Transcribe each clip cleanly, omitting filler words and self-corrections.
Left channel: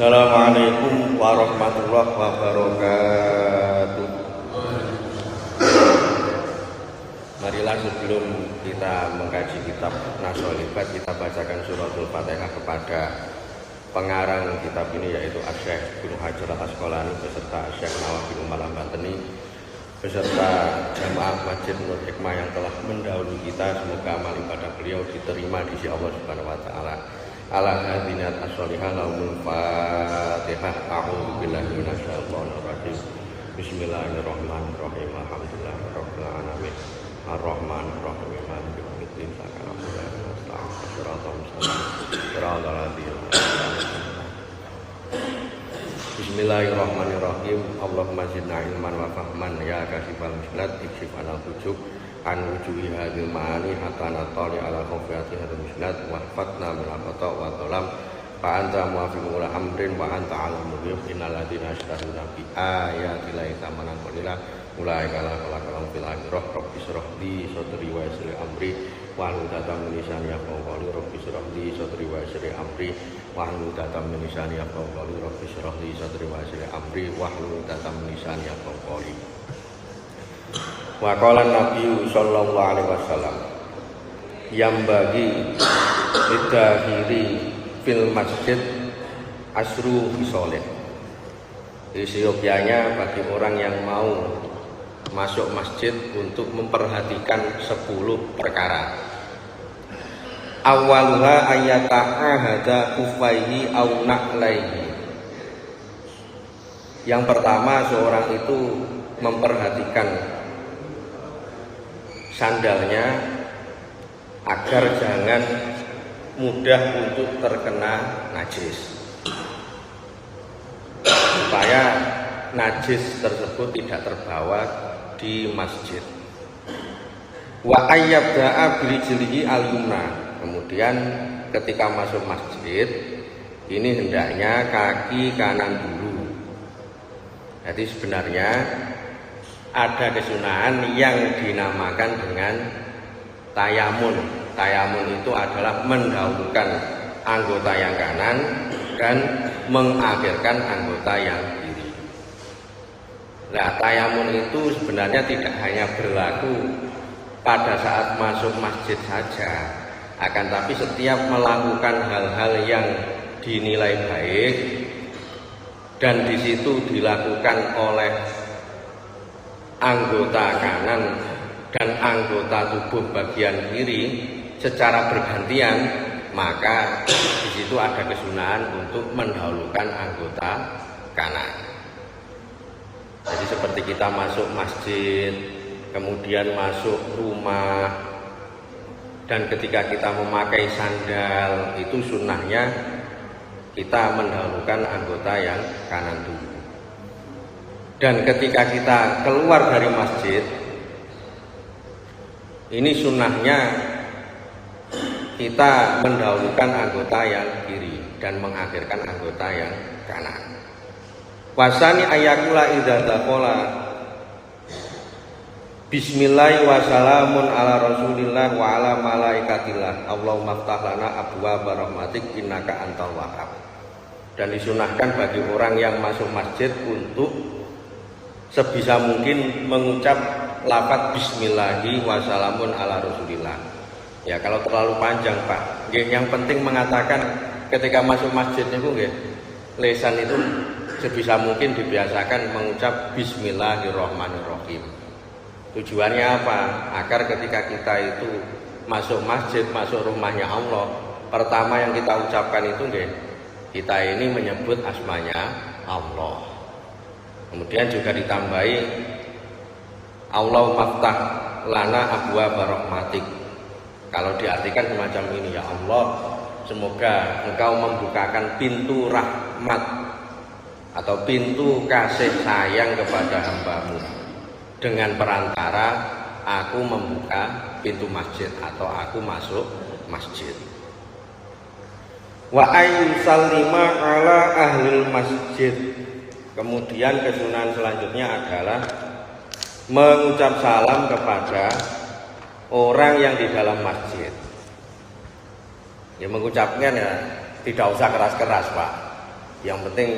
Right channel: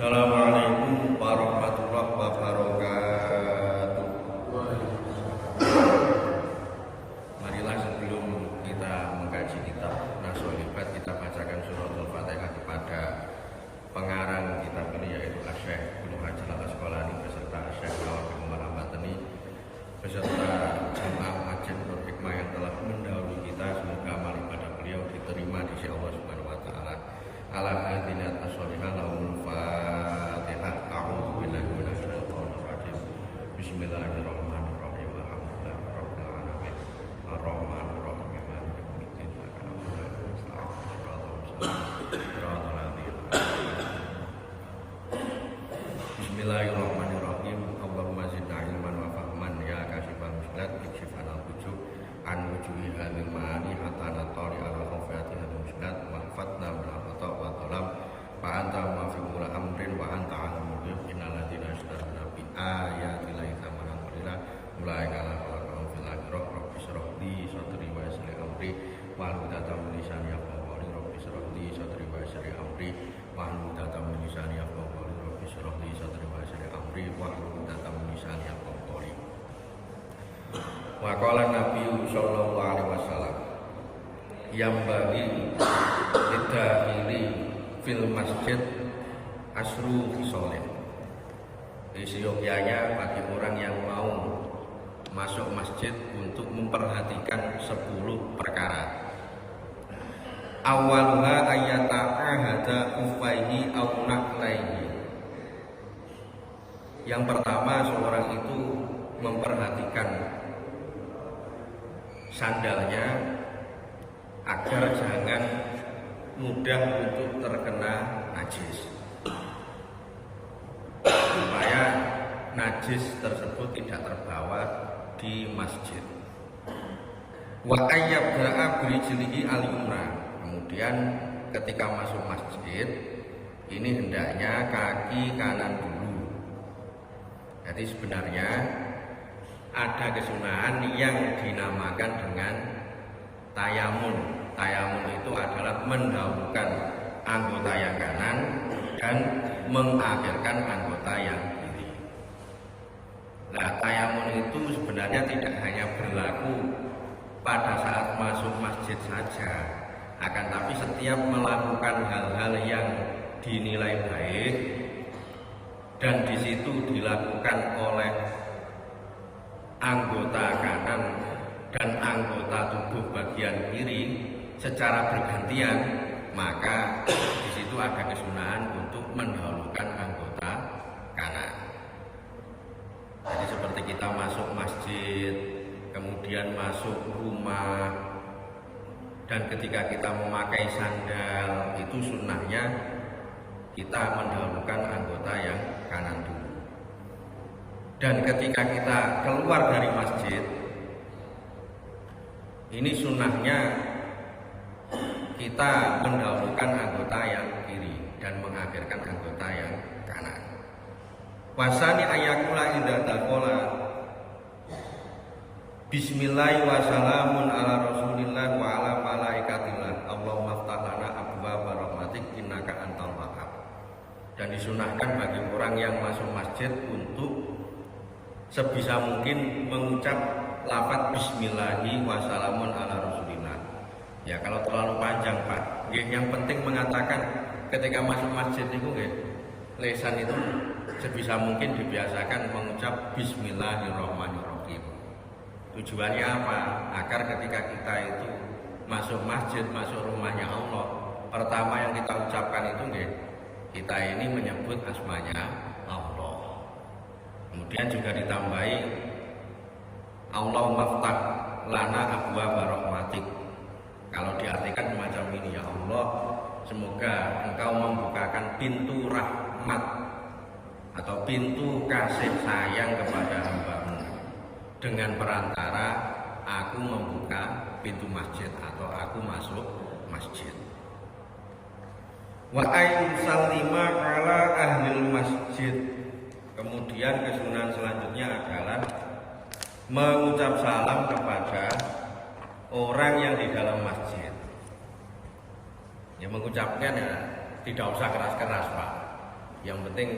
Assalamualaikum warahmatullahi wabarakatuh. Marilah sebelum kita mengkaji kitab Nasrul Ibad, kita bacakan suratul Fatihah kepada pengarang kitab ini, yaitu Syekh Ibnu Hajar Al-Asqalani beserta Syekh Nawawi bin Umar Al-Batani beserta jamaah Masjid Nur Hikmah yang telah mendahului kita. Semoga amal ibadah beliau diterima di sisi Allah Subhanahu wa taala. Ala hadinat as-solihah laumul Fatihah. A'udzu billahi minasyaitonir rajim. Bismillahirrahmanirrahim. Alhamdulillahirabbil alamin. Ar-Rahmanir Rahim. Maliki yaumiddin. Iyyaka na'budu wa iyyaka nasta'in. Shiratal mustaqim. Shiratal ladzina Bismillahirrahmanirrahim. Allahumma zidna ilman wa fahman ya kasifal mushkilat ikshif anal hujub an wujuhi hadil ma'ani hatta natali ala khufiyati hadil mushkilat wa fatna bilaqata wa dhalam fa anta muwafiqul amrin wa anta alamul ghuyub innal ladzina yashtaruna bi ayati llahi thamanan qalila ulaika la khalaqalahum fil akhirah rabbi shrah li sadri wa yassir li amri wahlul 'uqdatam min lisani yafqahu qawli rabbi shrah li sadri wa yassir li amri wahlul 'uqdatam min lisani yafqahu qawli rabbi shrah li sadri wa yassir li amri wahlul 'uqdatam min lisani yafqahu qawli. Wa qala Nabi sallallahu alaihi wasallam yang bagi lidahiri fil masjid asru bisoleh. Seyogyanya bagi orang yang mau masuk masjid untuk memperhatikan 10 perkara. Awalnya ayata'ahada ufaihi au na'laihi. Yang pertama, seorang itu memperhatikan sandalnya agar jangan mudah untuk terkena najis, supaya najis tersebut tidak terbawa di masjid. Wa ayyabda'a birijlihi al-yumna. Kemudian ketika masuk masjid ini hendaknya kaki kanan dulu. Jadi sebenarnya ada kesunahan yang dinamakan dengan tayamun. Tayamun itu adalah mendahulukan anggota yang kanan dan mengakhirkan anggota yang kiri. Nah, tayamun itu sebenarnya tidak hanya berlaku pada saat masuk masjid saja, akan tapi setiap melakukan hal-hal yang dinilai baik dan di situ dilakukan oleh anggota kanan dan anggota tubuh bagian kiri secara bergantian, maka di situ ada kesunahan untuk mendahulukan anggota kanan. Jadi seperti kita masuk masjid, kemudian masuk rumah, dan ketika kita memakai sandal, itu sunnahnya kita mendahulukan anggota yang kanan dulu. Dan ketika kita keluar dari masjid, ini sunnahnya kita mendahulukan anggota yang kiri dan mengakhirkan anggota yang kanan. Wasani ayakula idza taqala bismillah wa salamun ala rasulillah wa ala malaikatillah Allahumma ftah lana abwaaba rahmatik innaka antal wahhab. Dan disunahkan bagi orang yang masuk masjid untuk sebisa mungkin mengucap lafaz bismillahi wa salamun ala rasulillah. Ya, kalau terlalu panjang, Pak. Yang penting mengatakan ketika masuk masjid itu lisan itu sebisa mungkin dibiasakan mengucap bismillahirrahmanirrahim. Tujuannya apa? Agar ketika kita itu masuk masjid, masuk rumahnya Allah, pertama yang kita ucapkan itu kita ini menyebut asmanya Allah. Kemudian juga ditambahi Allahumma ftah lana abwaaba rahmatik. Kalau diartikan semacam ini, ya Allah, semoga Engkau membukakan pintu rahmat atau pintu kasih sayang kepada hamba-Mu dengan perantara aku membuka pintu masjid atau aku masuk masjid. Wa ayyusallima ala ahlil masjid. Kemudian kesunahan selanjutnya adalah mengucap salam kepada orang yang di dalam masjid. Ya, mengucapkan ya tidak usah keras-keras, Pak. Yang penting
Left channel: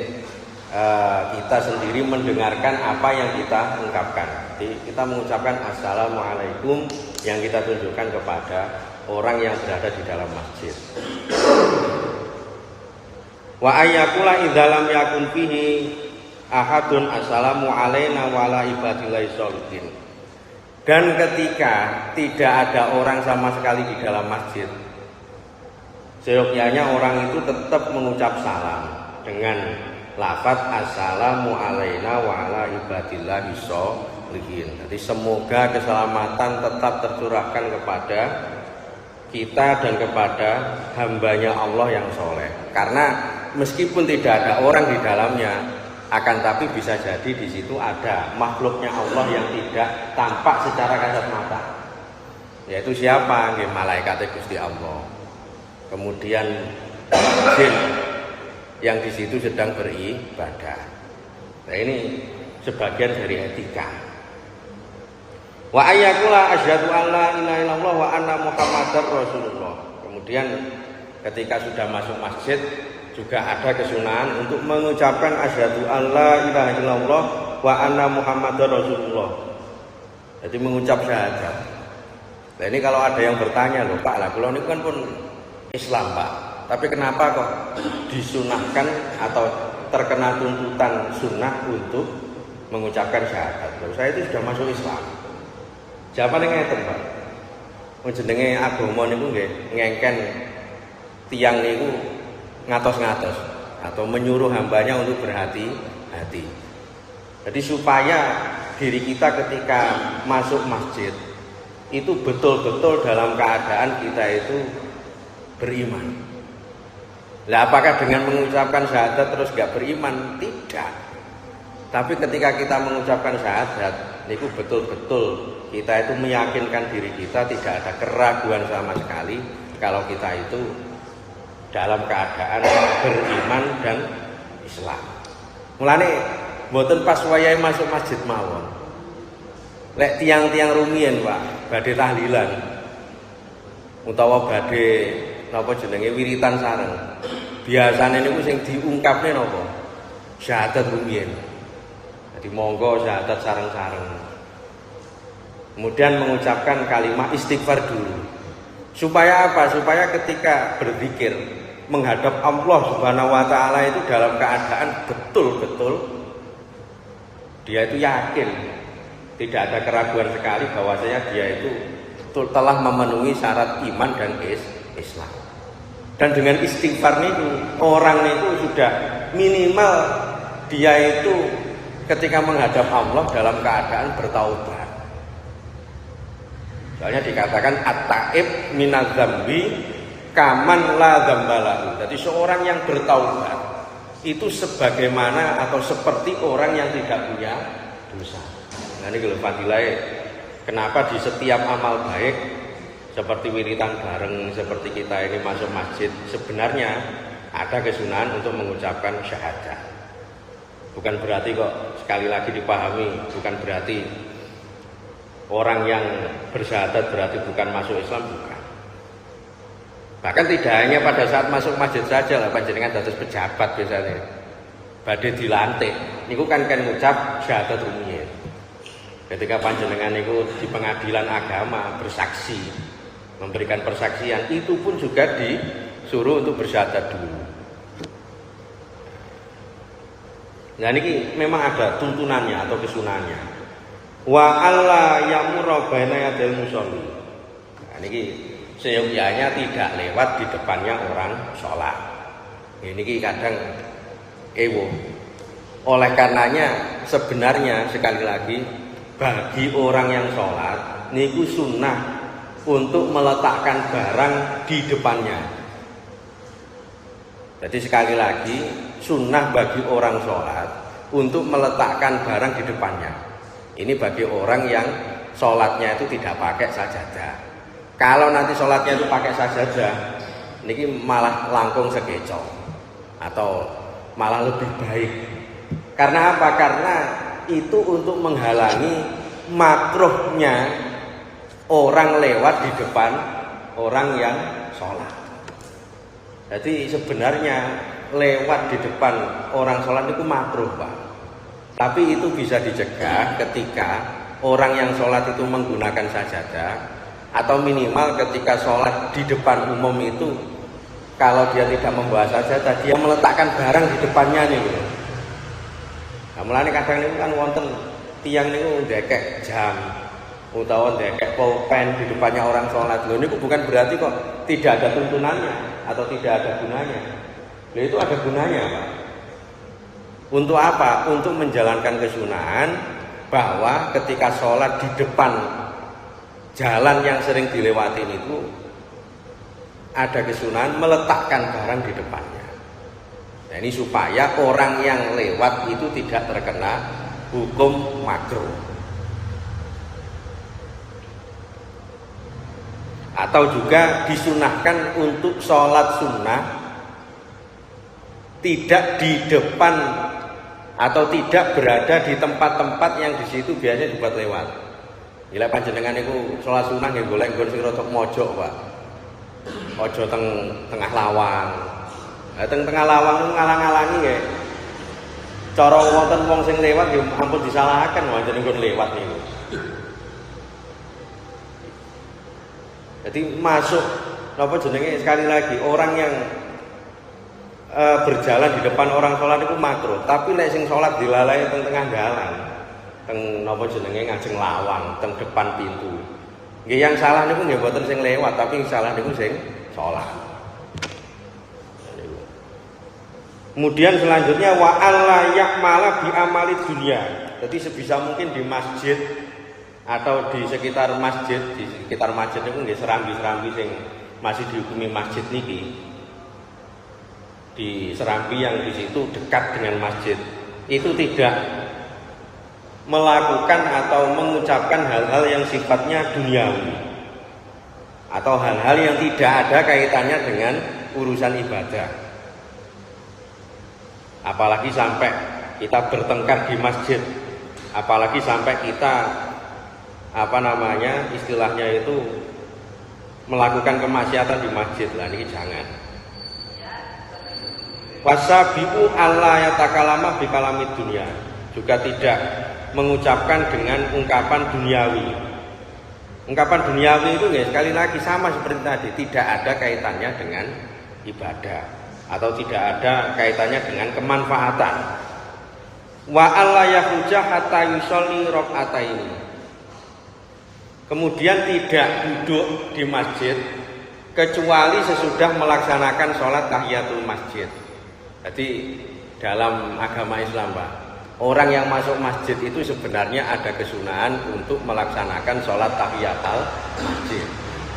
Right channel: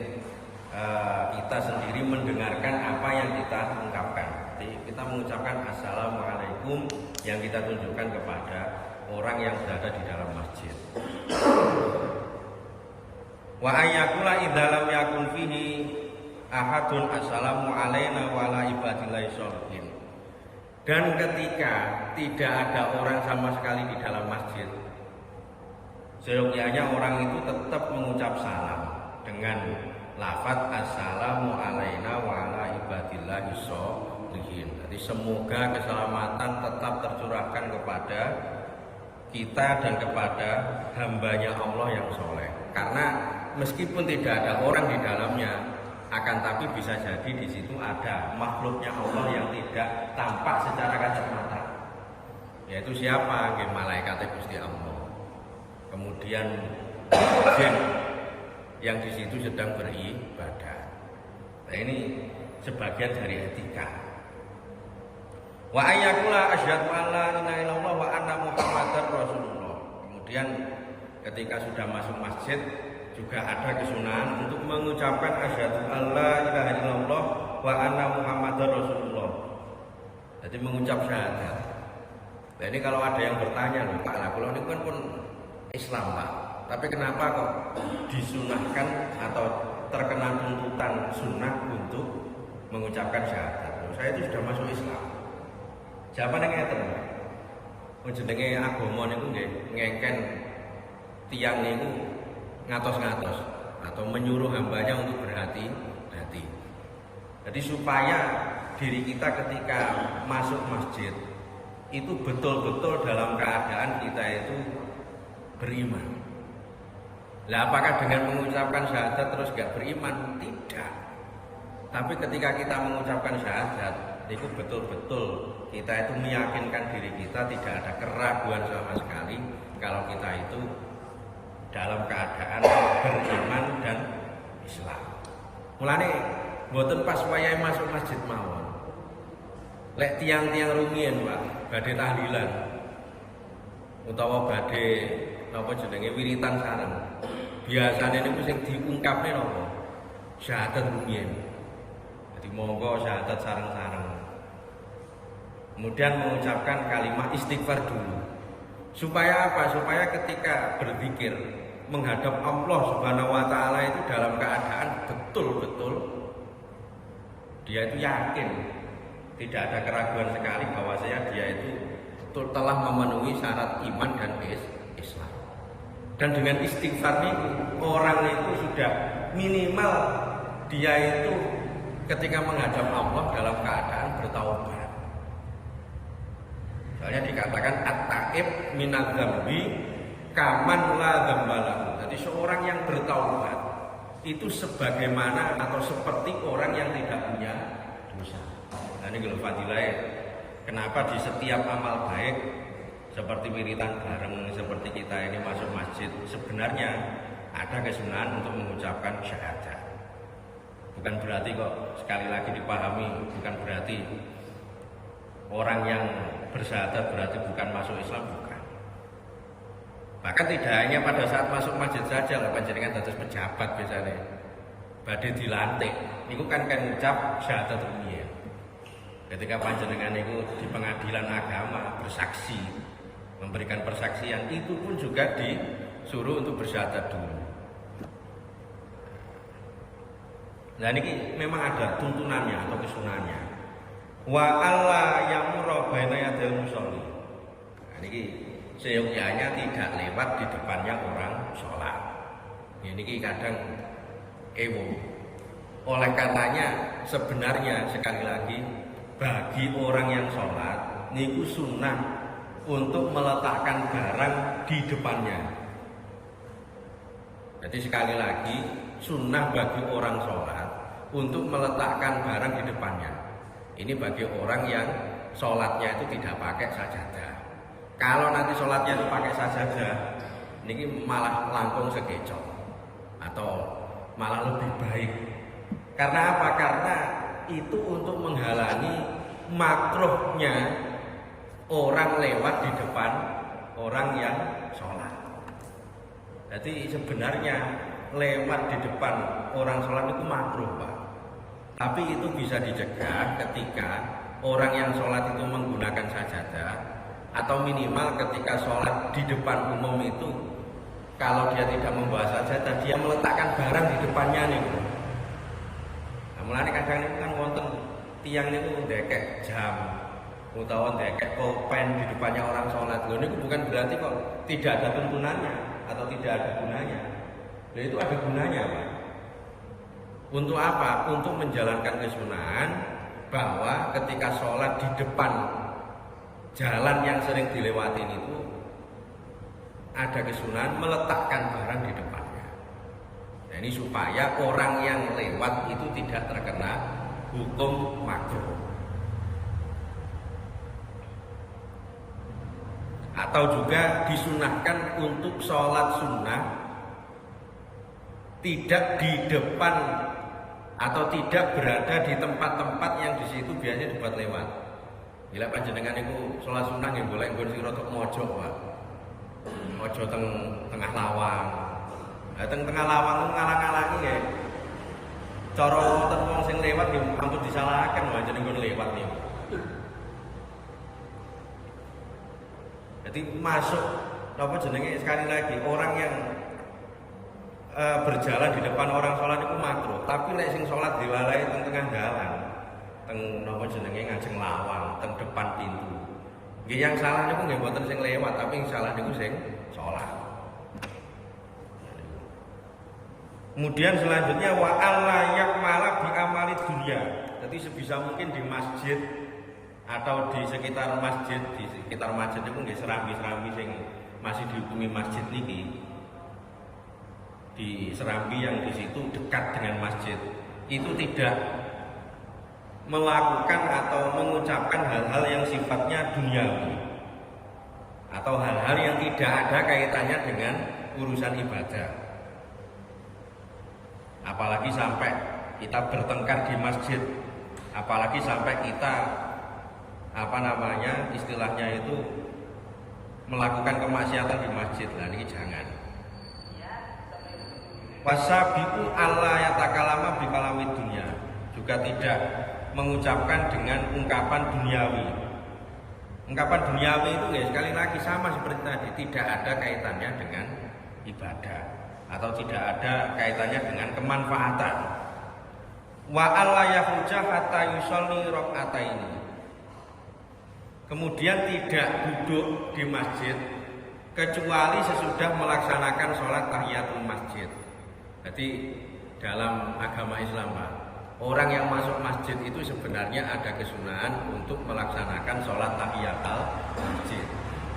kita sendiri mendengarkan apa yang kita ungkapkan. Jadi kita mengucapkan assalamualaikum yang kita tunjukkan kepada orang yang berada di dalam masjid. Wa ayyakula idza lam yakun fihi ahadun assalamu alaina wa ala ibadillahi sholihin. Dan ketika tidak ada orang sama sekali di dalam masjid, seyogyanya orang itu tetap mengucap salam dengan lafaz assalamu alaina wa ala ibadillahi sholihin. Jadi semoga keselamatan tetap tercurahkan kepada kita dan kepada hambanya Allah yang soleh. Karena meskipun tidak ada orang di dalamnya, akan tapi bisa jadi di situ ada makhluknya Allah yang tidak tampak secara kasat mata. Yaitu siapa? Malaikat Gusti Allah. Kemudian jin yang di situ sedang beribadah. Nah, ini sebagian dari etika. Wa ayyakula asyhadu an la ilaha illallah wa anna muhammadar rasulullah. Kemudian ketika sudah masuk masjid juga ada kesunahan untuk mengucapkan asyhadu an la ilaha illallah wa anna muhammadar rasulullah. Jadi mengucap syahadat. Nah, ini kalau ada yang bertanya loh, Pak, lah kalau ini kan pun Islam, Pak. Tapi kenapa kok disunahkan atau terkena tuntutan sunnah untuk mengucapkan syahadat? Loh, saya itu sudah masuk Islam. Jawabannya ngeten, Pak. Jenenge agama niku nggih ngengken tiyang niku ngatos-ngatos atau menyuruh hambanya untuk berhati-hati. Jadi supaya diri kita ketika masuk masjid itu betul-betul dalam keadaan kita itu beriman. Lah apakah dengan mengucapkan syahadat terus gak beriman? Tidak. Tapi ketika kita mengucapkan syahadat, itu betul-betul kita itu meyakinkan diri kita tidak ada keraguan sama sekali kalau kita itu dalam keadaan beriman dan Islam. Mulane mboten pas wayahe masuk masjid mawon. Lek tiang-tiang rumiyin, Pak, badhe tahlilan utawa badhe napa jenenge wiritan sareng. Biasane niku sing diungkapne napa? Syahadat rumiyin. Jadi monggo syahadat sareng-sareng. Kemudian mengucapkan kalimat istighfar dulu. Supaya apa? Supaya ketika berzikir menghadap Allah Subhanahu wa taala itu dalam keadaan betul-betul dia itu yakin, tidak ada keraguan sekali bahwasanya dia itu telah memenuhi syarat iman dan Islam. Dan dengan istighfar itu orang itu sudah minimal dia itu ketika menghadap Allah dalam keadaan bertaubat. Soalnya dikatakan at-taib minaz dzambi kaman la dzambalahu. Jadi seorang yang bertaubat itu sebagaimana atau seperti orang yang tidak punya dosa. Nah ini kalau fadilah, kenapa di setiap amal baik seperti wiritan bareng, seperti kita ini masuk masjid, sebenarnya ada kesunahan untuk mengucapkan syahadat. Bukan berarti kok, sekali lagi dipahami, bukan berarti orang yang bersyahadat berarti bukan masuk Islam, bukan. Bahkan tidak hanya pada saat masuk masjid saja lah, panjenengan dados pejabat biasanya badhe dilantik niku kan ngucap syahadat rumiyin. Ketika panjenengan niku di pengadilan agama bersaksi, memberikan persaksian, itu pun juga disuruh untuk bersyahadat dulu. Nah ini memang ada tuntunannya atau kesunannya. Wa alla yamura baina yadil musolli. Nah ini seyogyanya tidak lewat di depannya orang sholat. Ini kadang ewo. Oleh karenanya sebenarnya sekali lagi bagi orang yang sholat niku sunnah untuk meletakkan barang di depannya. Jadi sekali lagi sunnah bagi orang sholat untuk meletakkan barang di depannya. Ini bagi orang yang sholatnya itu tidak pakai sajadah. Kalau nanti sholatnya itu pakai sajadah, ini malah langkung segecok atau malah lebih baik. Karena apa? Karena itu untuk menghalangi makruhnya orang lewat di depan orang yang sholat. Jadi sebenarnya lewat di depan orang sholat itu makruh, Pak. Tapi itu bisa dicegah ketika orang yang sholat itu menggunakan sajadah, atau minimal ketika sholat di depan umum itu kalau dia tidak membawa sajadah, dia meletakkan barang di depannya nih gitu. Nah, mulane kadang niku kan wonten tiang niku ndekek jam utawa ndekek pulpen di depannya orang sholat. Lho niku bukan berarti kok tidak ada tuntunannya atau tidak ada gunanya. Lho itu ada gunanya, Pak. Untuk apa? Untuk menjalankan kesunahan bahwa ketika sholat di depan jalan yang sering dilewati itu ada kesunahan meletakkan barang di depannya. Nah, ini supaya orang yang lewat itu tidak terkena hukum makruh. Atau juga disunahkan untuk sholat sunnah tidak di depan atau tidak berada di tempat-tempat yang di situ biasanya dibuat lewat. Gila panjenengan itu sholat sunnah nggih golek nggon sing rada mojok, Pak. Aja tengah lawang. Lah tengah lawang itu ngalang-alangi nggih. Cara wonten wong sing lewat nggih ampun disalahaken wae nggon lewat niku. Jadi masuk apa jenenge sekali lagi orang yang berjalan di depan orang sholat itu makruh, tapi lek sing sholat dilalai teng tengah dalan, teng napa jenenge ngajeng lawang, teng depan pintu. Nggih yang salah niku nggih mboten sing lewat, tapi yang salah niku sing sholat. Kemudian selanjutnya wa alla yakmala bi amali dunya. Jadi sebisa mungkin di masjid atau di sekitar masjid niku nggih serambi-serambi sing masih dihukumi masjid niki. Di serambi yang di situ dekat dengan masjid itu tidak melakukan atau mengucapkan hal-hal yang sifatnya duniawi atau hal-hal yang tidak ada kaitannya dengan urusan ibadah. Apalagi sampai kita bertengkar di masjid, apalagi sampai kita istilahnya itu melakukan kemaksiatan di masjid. Lah ini jangan. Wasabiu alla yatakalama bi kalamid dunya, juga tidak mengucapkan dengan ungkapan duniawi. Ungkapan duniawi itu ya sekali lagi sama seperti tadi, tidak ada kaitannya dengan ibadah atau tidak ada kaitannya dengan kemanfaatan. Wa alla yakhruja hatta yusolli raka'ataini. Kemudian tidak duduk di masjid kecuali sesudah melaksanakan sholat tahiyatul masjid. Jadi dalam agama Islam, Pak, orang yang masuk masjid itu sebenarnya ada kesunahan untuk melaksanakan sholat tahiyatul masjid.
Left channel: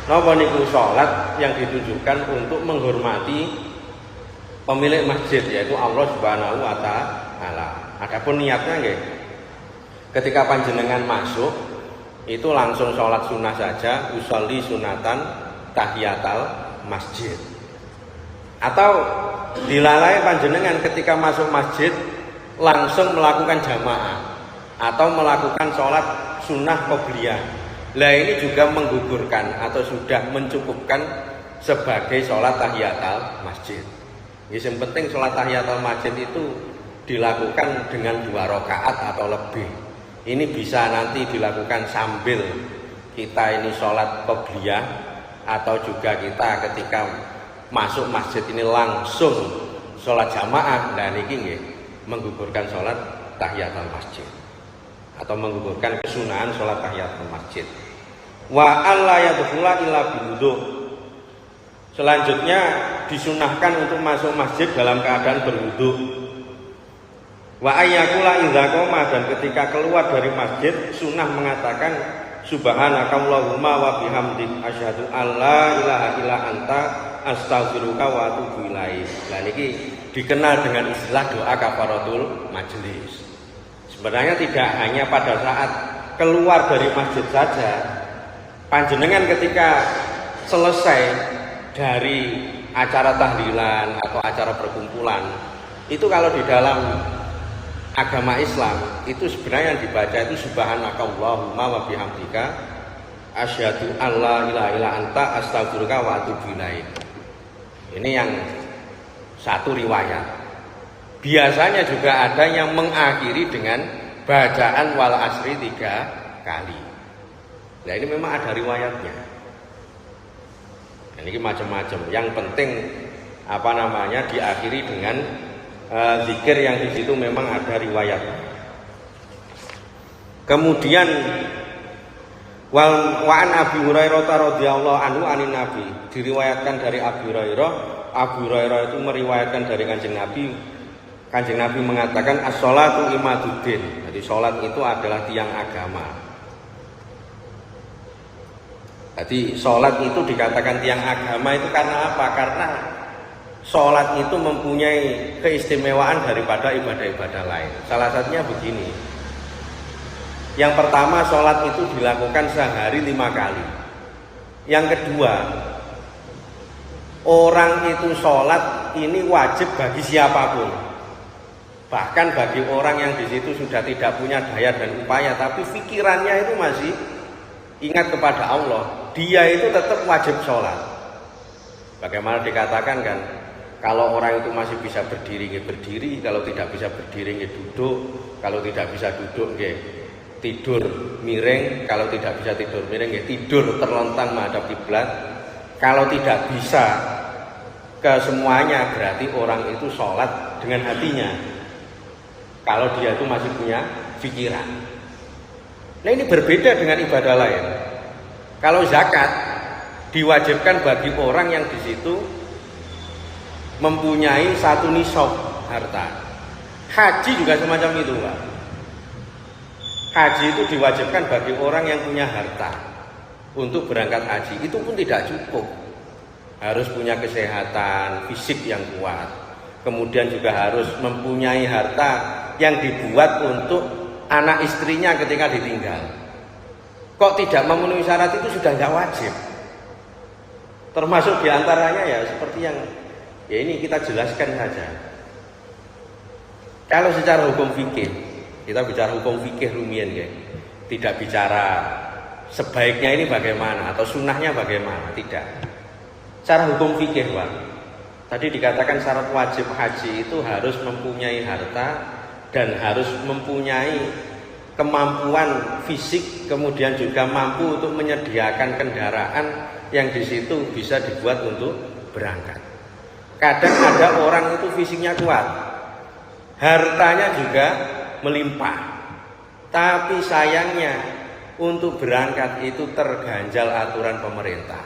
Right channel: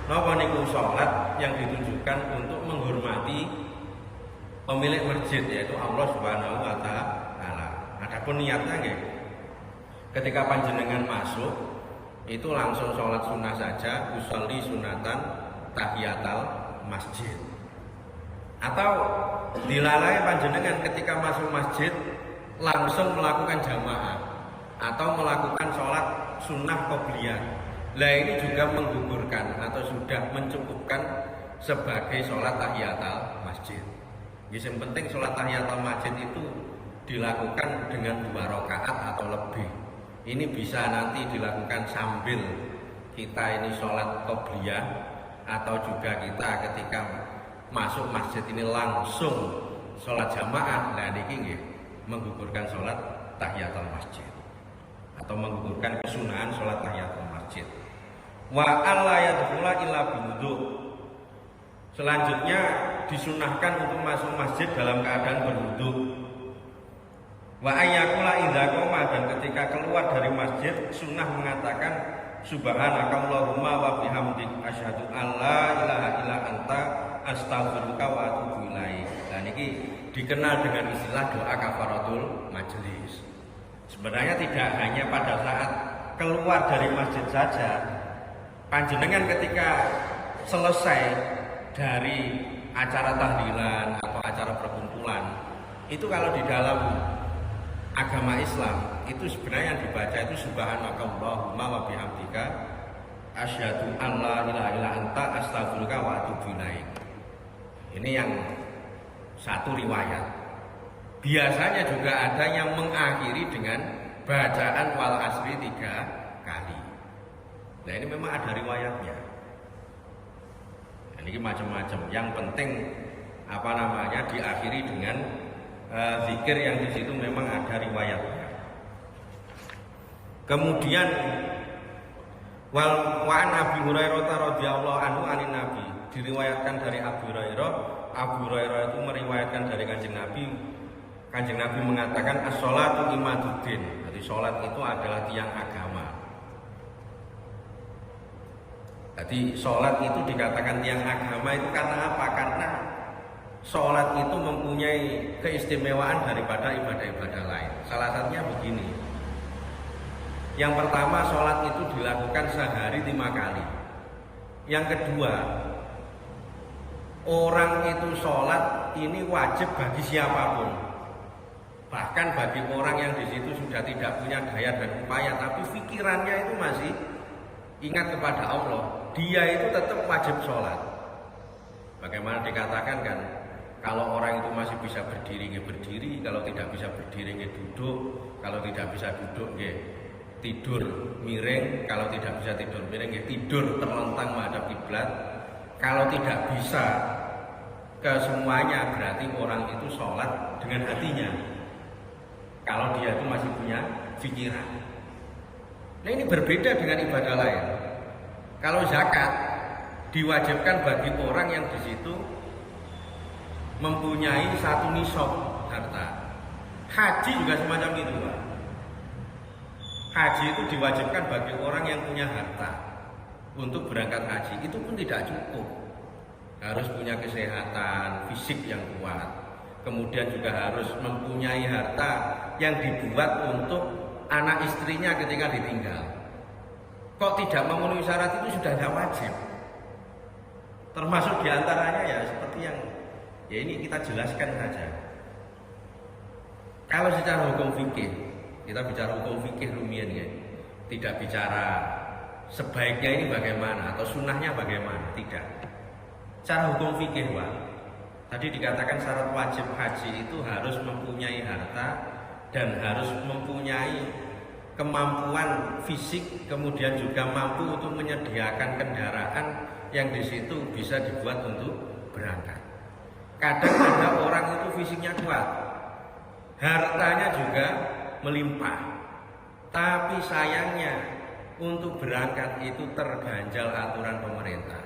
Napa niku sholat yang ditujukan untuk menghormati pemilik masjid, yaitu Allah Subhanahu wa taala. Adapun niatnya nggih, ketika panjenengan masuk itu langsung sholat sunnah saja, usolli sunatan tahiyatul masjid. Atau dilalai panjenengan ketika masuk masjid langsung melakukan jamaah atau melakukan sholat sunnah qobliyah. Lah ini juga menggugurkan atau sudah mencukupkan sebagai sholat tahiyatul masjid. Yang penting sholat tahiyatul masjid itu dilakukan dengan 2 rakaat atau lebih. Ini bisa nanti dilakukan sambil kita ini sholat qobliyah atau juga kita ketika masuk masjid ini langsung sholat jamaah. Dan ini nggih menggugurkan sholat tahiyatul masjid atau menggugurkan kesunahan sholat tahiyatul masjid. Wa alla yadkhula illa biwudu. Selanjutnya disunahkan untuk masuk masjid dalam keadaan berwudu. Wa ayyakula idza qoma, dan ketika keluar dari masjid sunnah mengatakan subhanakallahumma wa bihamdik asyhadu alla ilaha illa anta astaghfiruka wa atubu ilaik. Lah niki dikenal dengan istilah doa kafaratul majelis. Sebenarnya tidak hanya pada saat keluar dari masjid saja. Panjenengan ketika selesai dari acara tahlilan atau acara perkumpulan, itu kalau di dalam agama Islam itu sebenarnya yang dibaca itu subhanakallahumma wa bihamdika asyhadu alla ilaha illa anta astaghfiruka wa atubu ilaik. Ini yang satu riwayat. Biasanya juga ada yang mengakhiri dengan bacaan wal asri 3 kali. Nah ini memang ada riwayatnya. Nah, ini macam-macam. Yang penting diakhiri dengan zikir yang di situ memang ada riwayatnya. Kemudian wa'an Abi Hurairah radhiyallahu anhu anin Nabi, diriwayatkan dari Abu Hurairah. Abu Hurairah itu meriwayatkan dari Kanjeng Nabi. Kanjeng Nabi mengatakan as-sholatu imaduddin. Jadi sholat itu adalah tiang agama. Jadi sholat itu dikatakan tiang agama itu karena apa? Karena sholat itu mempunyai keistimewaan daripada ibadah-ibadah lain. Salah satunya begini. Yang pertama, sholat itu dilakukan sehari 5 kali. Yang kedua, orang itu sholat ini wajib bagi siapapun. Bahkan bagi orang yang di situ sudah tidak punya daya dan upaya, tapi pikirannya itu masih ingat kepada Allah, dia itu tetap wajib sholat. Bagaimana dikatakan kan, kalau orang itu masih bisa berdiri, ya berdiri. Kalau tidak bisa berdiri, ya duduk. Kalau tidak bisa duduk, ya tidur miring. Kalau tidak bisa tidur miring, ya tidur terlentang menghadap kiblat. Kalau tidak bisa ke semuanya, berarti orang itu sholat dengan hatinya. Kalau dia itu masih punya pikiran. Nah ini berbeda dengan ibadah lain. Kalau zakat diwajibkan bagi orang yang di situ mempunyai 1 nisab harta. Haji juga semacam itu, Pak. Haji itu diwajibkan bagi orang yang punya harta untuk berangkat haji. Itu pun tidak cukup. Harus punya kesehatan fisik yang kuat. Kemudian juga harus mempunyai harta yang dibuat untuk anak istrinya ketika ditinggal. Kok tidak memenuhi syarat itu sudah tidak wajib. Termasuk diantaranya ya seperti yang ya ini kita jelaskan saja. Kalau secara hukum fikih, kita bicara hukum fikih rumian ya. Tidak bicara sebaiknya ini bagaimana atau sunnahnya bagaimana, tidak. Secara hukum fikih, Pak. Tadi dikatakan syarat wajib haji itu harus mempunyai harta dan harus mempunyai kemampuan fisik, kemudian juga mampu untuk menyediakan kendaraan yang di situ bisa dibuat untuk berangkat. Kadang ada orang itu fisiknya kuat, hartanya juga melimpah, tapi sayangnya untuk berangkat itu terganjal aturan pemerintah.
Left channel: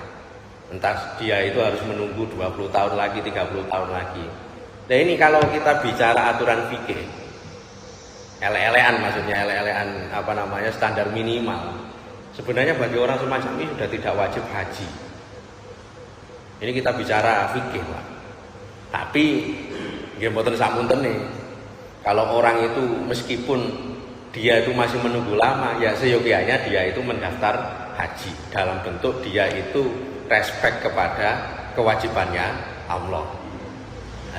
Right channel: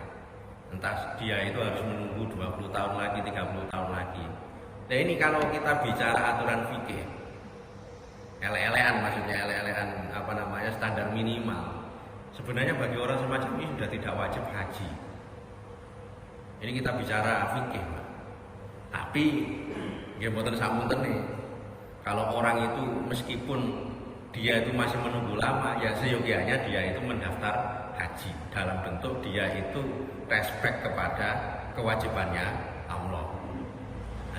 Entah dia itu harus menunggu 20 tahun lagi, 30 tahun lagi. Nah ini kalau kita bicara aturan fikih, ele-elean maksudnya, ele-elean standar minimal. Sebenarnya bagi orang semacam ini sudah tidak wajib haji. Ini kita bicara fikih, Pak. Tapi nggih mboten samunten nih. Kalau orang itu meskipun dia itu masih menunggu lama, ya seyogianya dia itu mendaftar haji dalam bentuk dia itu respect kepada kewajibannya Allah.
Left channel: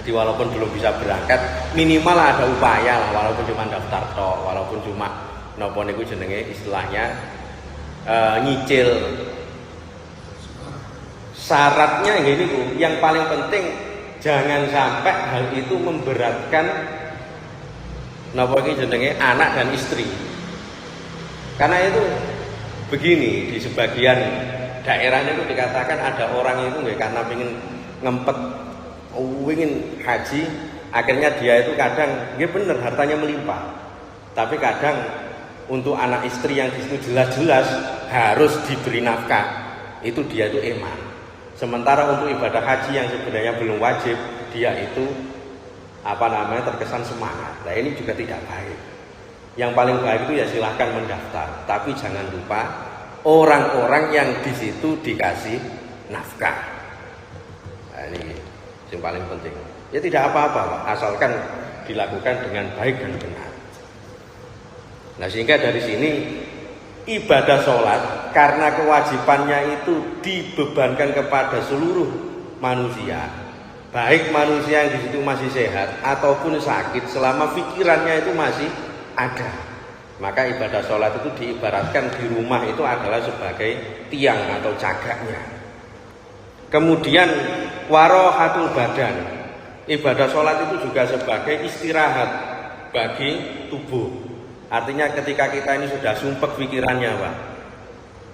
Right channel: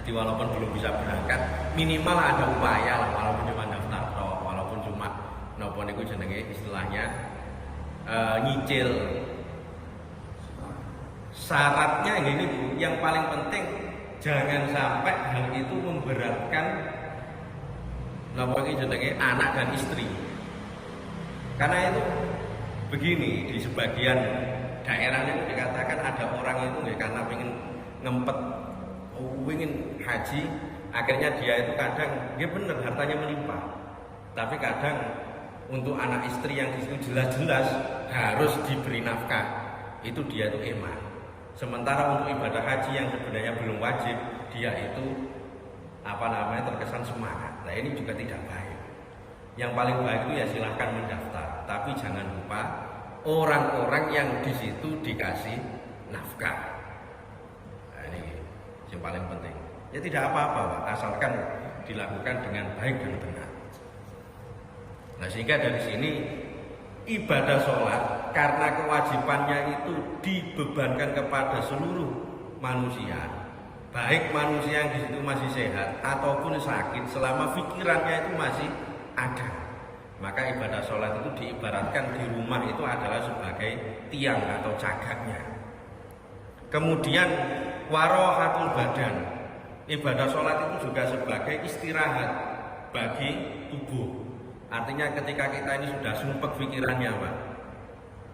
Jadi walaupun belum bisa berangkat, minimal ada upaya, walaupun cuma daftar tok, walaupun cuma napa niku jenenge istilahnya nyicil. Syaratnya ini yang paling penting jangan sampai hal itu memberatkan napa iki jenenge anak dan istri. Karena itu begini, di sebagian daerahnya itu dikatakan ada orang itu karena ingin ngempet, ingin haji, akhirnya dia itu kadang, ya benar hartanya melimpah, tapi kadang untuk anak istri yang di situ jelas-jelas harus diberi nafkah, itu dia itu eman. Sementara untuk ibadah haji yang sebenarnya belum wajib, dia itu terkesan semangat. Nah ini juga tidak baik. Yang paling baik itu ya silahkan mendaftar, tapi jangan lupa orang-orang yang di situ dikasih nafkah. Nah, ini yang paling penting. Ya tidak apa-apa, Pak, asalkan dilakukan dengan baik dan benar. Nah sehingga dari sini ibadah sholat karena kewajibannya itu dibebankan kepada seluruh manusia, baik manusia yang di situ masih sehat ataupun sakit, selama pikirannya itu masih ada. Maka ibadah sholat itu diibaratkan di rumah itu adalah sebagai tiang atau cagaknya. Kemudian warohatul badan, Ibadah sholat itu juga sebagai istirahat bagi tubuh. Artinya ketika kita ini sudah sumpek pikirannya, Pak,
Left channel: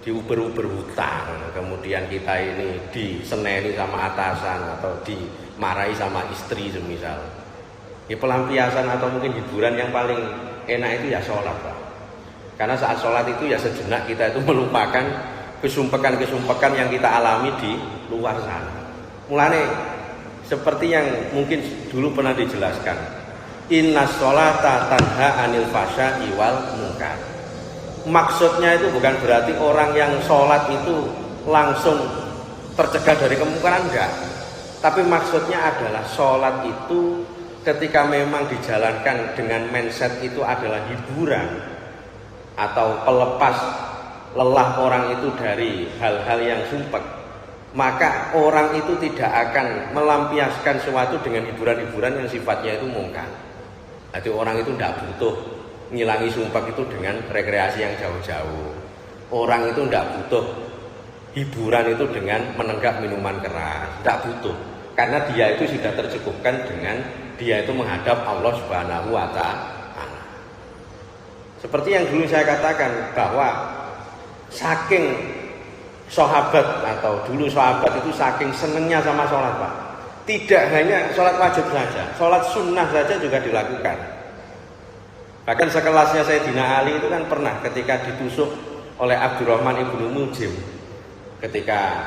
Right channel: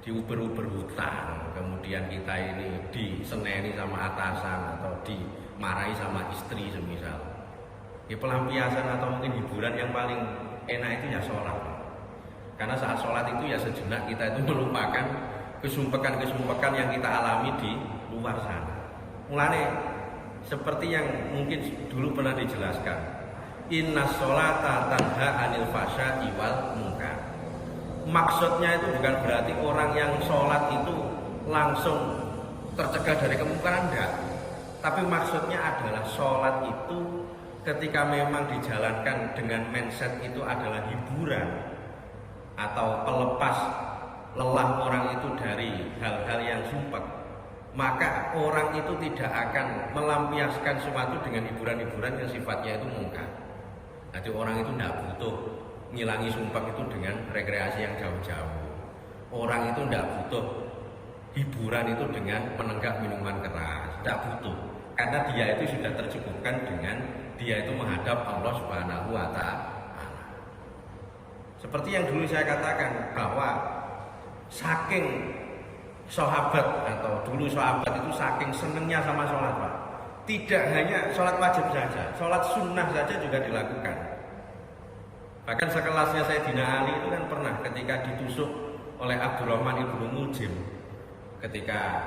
diuber-uber hutang, kemudian kita ini diseneni sama atasan atau dimarahi sama istri semisal, ya pelampiasan atau mungkin hiburan yang paling enak itu ya sholat, Pak. Karena saat sholat itu ya sejenak kita itu melupakan kesumpekan-kesumpekan yang kita alami di luar sana. Mulane seperti yang mungkin dulu pernah dijelaskan, inna sholata tanha anil fasya'i wal munkar. Maksudnya itu bukan berarti orang yang sholat itu langsung tercegah dari kemungkaran, enggak. Tapi maksudnya adalah sholat itu ketika memang dijalankan dengan mindset itu adalah hiburan atau pelepas lelah orang itu dari hal-hal yang sumpek, maka orang itu tidak akan melampiaskan sesuatu dengan hiburan-hiburan yang sifatnya itu mungkar. Jadi orang itu tidak butuh ngilangi sumpek itu dengan rekreasi yang jauh-jauh. Orang itu tidak butuh hiburan itu dengan menenggak minuman keras, tidak butuh. Karena dia itu sudah tercukupkan dengan dia itu menghadap Allah Subhanahu wa Ta'ala. Seperti yang dulu saya katakan bahwa saking sahabat atau dulu sahabat itu saking senengnya sama sholat, Pak. Tidak hanya sholat wajib saja, sholat sunnah saja juga dilakukan. Bahkan sekelasnya Sayyidina Ali itu kan pernah ketika ditusuk oleh Abdurrahman ibnu Muljim, ketika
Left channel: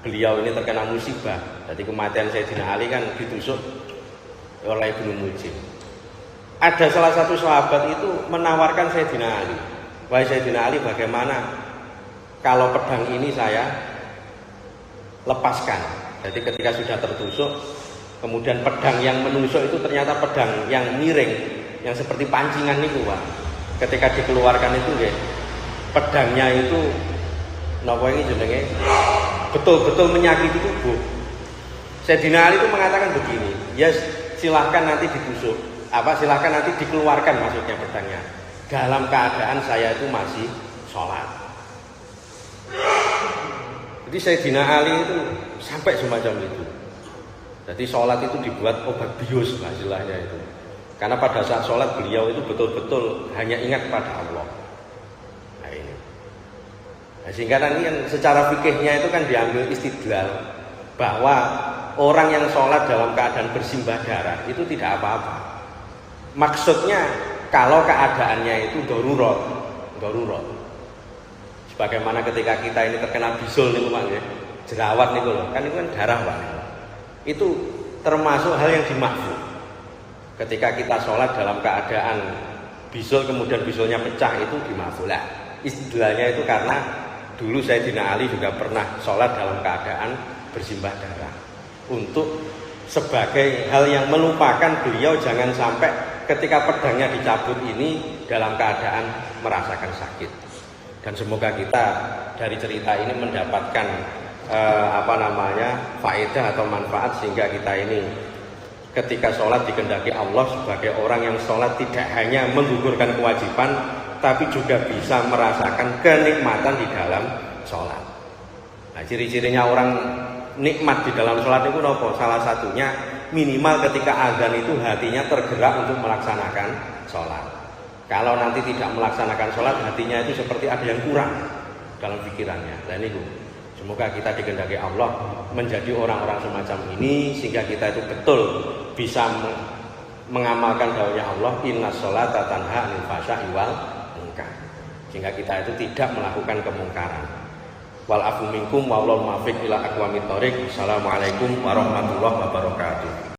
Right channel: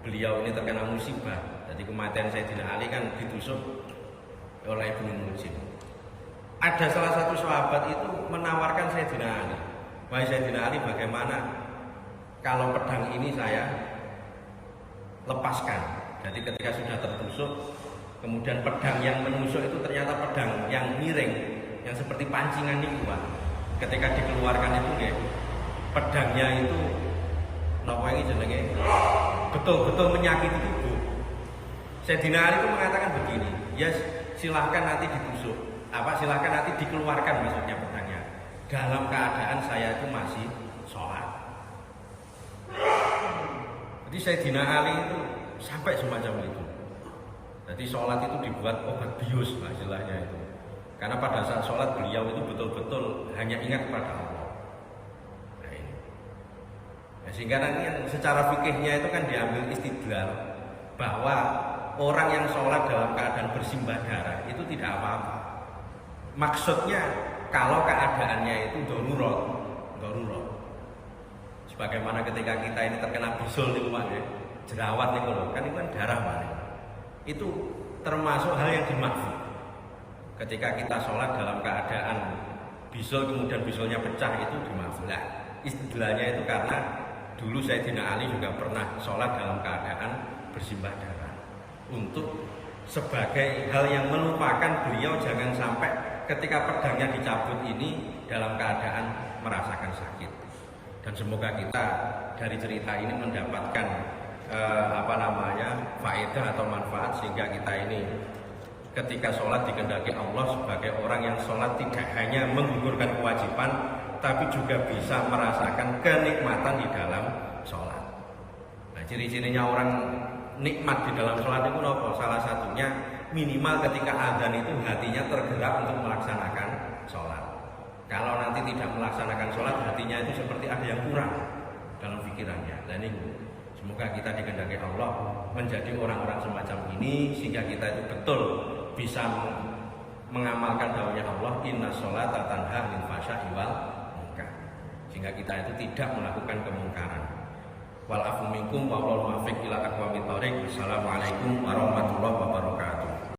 beliau ini terkena musibah. Jadi kematian Sayyidina Ali kan ditusuk oleh Ibnu Muljim. Ada salah satu sahabat itu menawarkan Sayyidina Ali, wahai Sayyidina Ali, bagaimana kalau pedang ini saya lepaskan? Jadi ketika sudah tertusuk, kemudian pedang yang menusuk itu ternyata pedang yang miring, yang seperti pancingan itu, Pak. Ketika dikeluarkan itu ya, pedangnya itu napa ini jenenge betul-betul menyakiti tubuh. Sayyidina Ali itu mengatakan begini, ya silahkan nanti ditusuk, silahkan nanti dikeluarkan maksudnya pedangnya, dalam keadaan saya itu masih sholat. Jadi Sayyidina Ali itu sampai semacam itu. Jadi sholat itu dibuat obat bius lah istilahnya itu. Karena pada saat sholat beliau itu betul-betul hanya ingat pada Allah. Nah ini. Nah, sehingga nanti kan secara fikihnya itu kan diambil istidlal bahwa orang yang sholat dalam keadaan bersimbah darah itu tidak apa-apa. Maksudnya kalau keadaannya itu darurat. Sebagaimana ketika kita ini terkena bisul nih, Pak, ya, jerawat nih loh, kan itu kan darah, Pak. Itu termasuk hal yang dimaksud. Ketika kita sholat dalam keadaan bisul kemudian bisulnya pecah itu dimaafkan. Istilahnya itu karena dulu Sayyidina Ali juga pernah sholat dalam keadaan bersimbah darah. Untuk sebagai hal yang melupakan beliau jangan sampai ketika pedangnya dicabut ini dalam keadaan merasakan sakit. Dan semoga kita dari cerita ini mendapatkan faedah atau manfaat sehingga kita ini ketika sholat dikehendaki Allah sebagai orang yang sholat tidak hanya menggugurkan kewajiban, tapi juga bisa merasakan kenikmatan di dalam sholat. Nah, ciri-cirinya orang nikmat di dalam sholat itu apa? Salah satunya minimal ketika azan itu hatinya tergerak untuk melaksanakan sholat. Kalau nanti tidak melaksanakan sholat, hatinya itu seperti ada yang kurang dalam pikirannya. Dan itu semoga kita dikehendaki Allah menjadi orang-orang semacam ini sehingga kita itu betul bisa mengamalkan dawuhnya Allah, inna sholata tanha anil fasya'i wal munkar. Sehingga kita itu tidak melakukan kemungkaran. Wal afu minkum wallahu muwaffiq ila aqwamit thoriq. Assalamualaikum warahmatullahi wabarakatuh.